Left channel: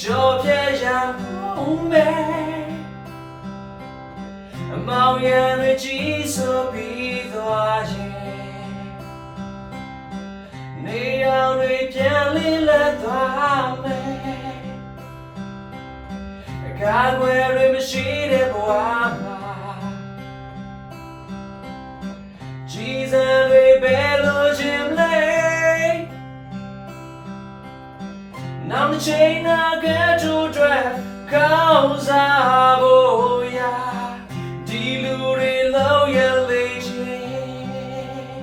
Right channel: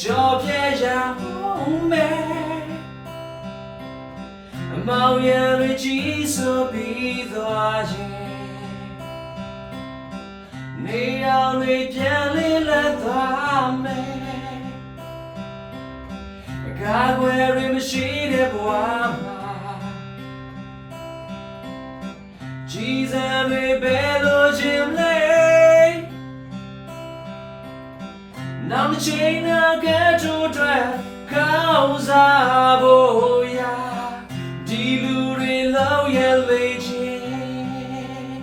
ကြော်ပြရအောင်မယ်အမောင်ရံတွေကြီးဆိုပြီးသွားရင်နေအောင်တွေပြန်လေးလက်သွားမယ်အကားွယ်တွေမရှိတဲ့ဘဝမှာကြီးစံတွေပဲလို့ခြင်းလေနောက်တစ်ချိန်နာကဲတို့အတွက်ကောင်းစားဖို့ရာဒီလူတွေလောက်ရလေချင်း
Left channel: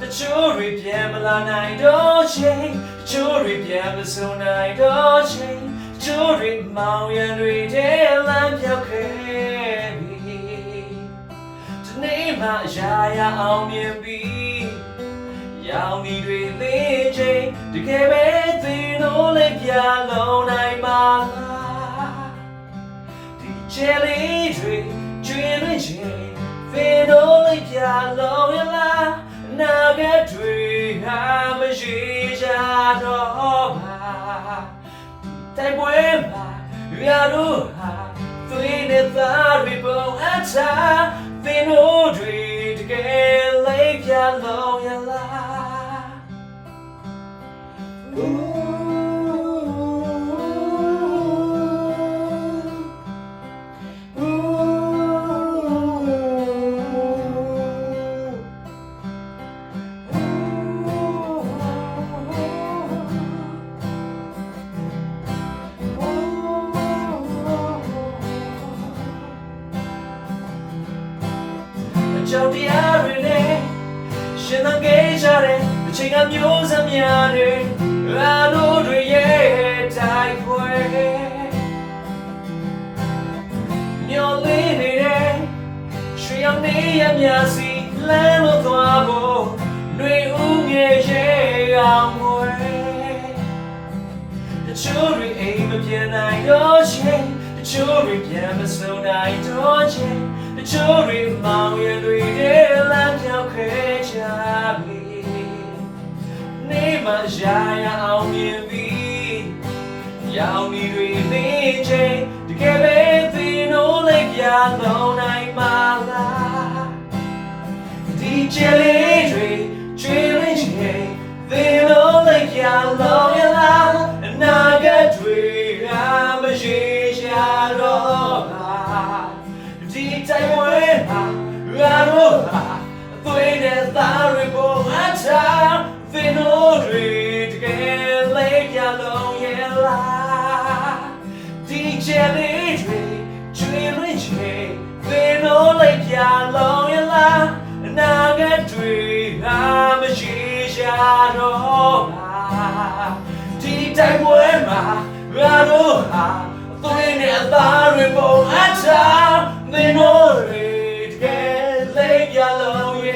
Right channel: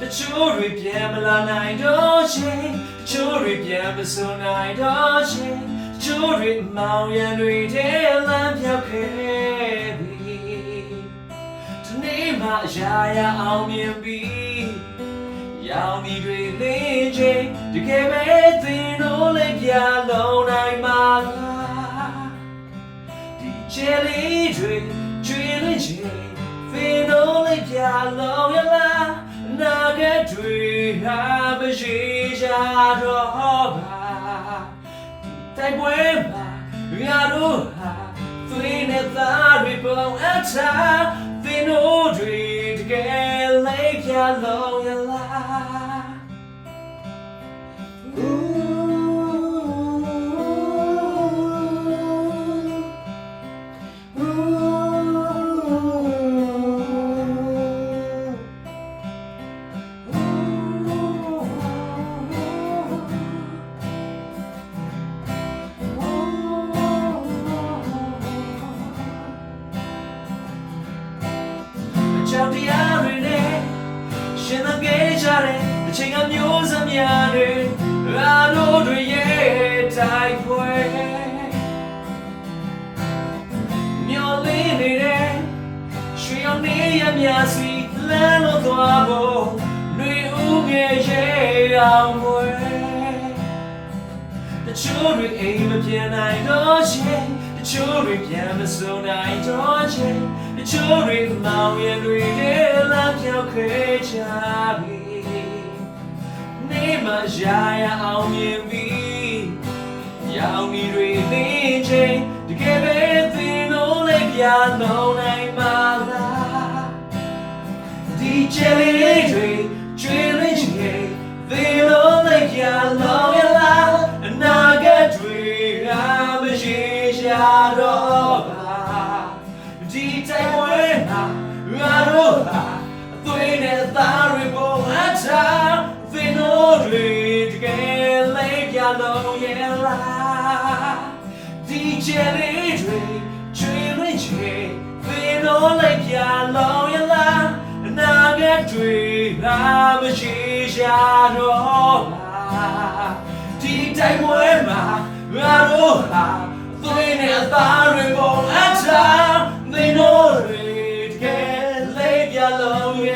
တချို့တွေပြန်မလာနိုင်တော့ချင်းတချို့တွေပြန်မဆုံနိုင်တော့ချင်းတချို့တွေမောင်ရံတွေထဲလမ်းပြောက်ခဲ့ပြီဒီနေ့မှရာရအောင်မြင်ပြီးရောင်ဒီတွေလေးချင်းတကယ်ပဲသင်တို့လည်းပြလုံးနိုင်မှာလားဒီချဲလေးတွေကျွေးလေးချင်းသင်တို့လည်းပြလုံးရလားနာကတွေဟာမရှိကြတော့ပါဒီတိုက်ပွဲမှာရတို့ဟာသွေးနဲ့သားတွေပုံအထားသင်တို့တွေတကယ်လည်းပြလုံးရလားကြောက်တရားတွေနဲ့ရှင်သန်ခဲ့ကြတဲ့အချိန်ကမျိုးစများတွေအားလုံးတွေရဲ့တိုက်ပွဲမျောလင်းနေတဲ့ရွှေရောင်နေရမြစီလမ်းလို့သွားဖို့နှွေဦးငယ်ရဲ့အောင်ဝဲတချို့တွေအိမ်မပြေနိုင်တော့ချင်းတချို့တွေပြန်မစုံနိုင်တော့ချင်းတချို့တွေမောင်ရံတွေထဲလမ်းပြောက်ခဲ့ကြပြီနေမှရာရအောင်မြင်ပြီးရောင်ဒီတွေနေချင်းတကယ်ပဲသင်တို့လည်းပြလုံးနိုင်မှာလားဒီချဲလေးတွေကျွေးရင်းချင်းသင်တို့လည်းပြလုံးရလားအနာဂတ်တွေကမရှိကြတော့ပါဒီတိုက်ပွဲမှာရတော့ပါအသွေးနဲ့သားတွေပုံအထားသင်တို့တွေတကယ်လေးပြလုံးရလားဒီချဲလေးတွေကျွေးရင်းချေသင်တို့လေးပြလုံးရလားအနာဂတ်တွေကမရှိကြတော့ပါဒီတိုက်ပွဲမှာရတော့ပါအသွေးနဲ့သားတွေပုံအထားသင်တို့တွေတကယ်လေးပြလုံးရ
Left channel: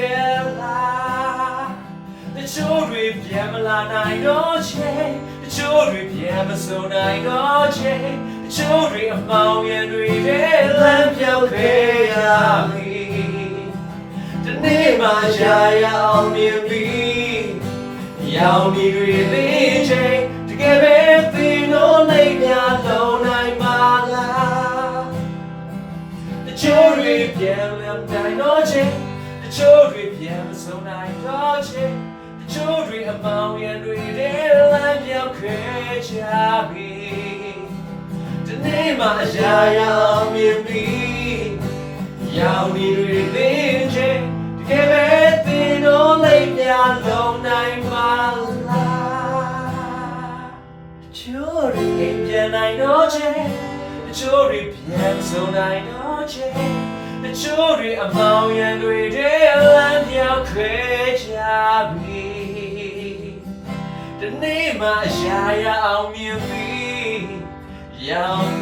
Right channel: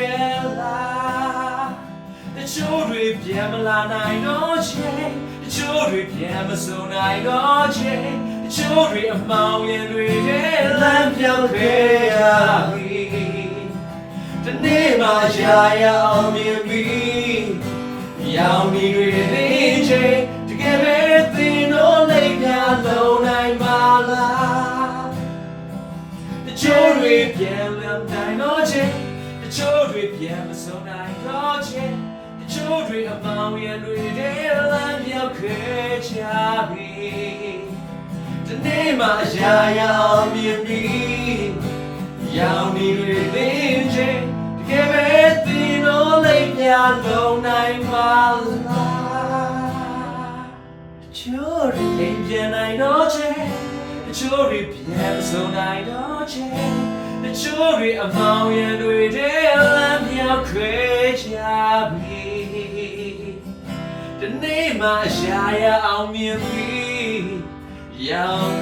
လားတချို့တွေပြန်မလာနိုင်တော့ချင်းတချို့တွေပြန်မစုံနိုင်တော့ချင်းတချို့တွေအမောင်ရံတွေထဲလမ်းပြောက်ခဲ့ကြပြီဒီနေ့မှရာရအောင်မြင်ပြီးရောင်ဒီတွေသိချင်းတကယ်ပဲသင်တို့လေးပြလုံးနိုင်ပါလားတချို့တွေပြန်လမ်းနိုင်တော့ချင်းတချို့တွေပြန်မစုံနိုင်တော့ချင်းတချို့တွေအမောင်ရံတွေထဲလမ်းပြောက်ခဲ့ကြပြီဒီနေ့မှရာရအောင်မြင်ပြီးရောင်ဒီတွေသိချင်းတကယ်ပဲသင်တို့လေးပြလုံးနိုင်ပါလားတချို့တွေပြန်နိုင်တော့ချင်းတချို့တွေပြန်စုံနိုင်တော့ချင်းတချို့တွေအမောင်ရံတွေထဲလမ်းပြောက်ခဲ့ကြပြီဒီနေ့မှရာရအောင်မြင်ပြီးရောင်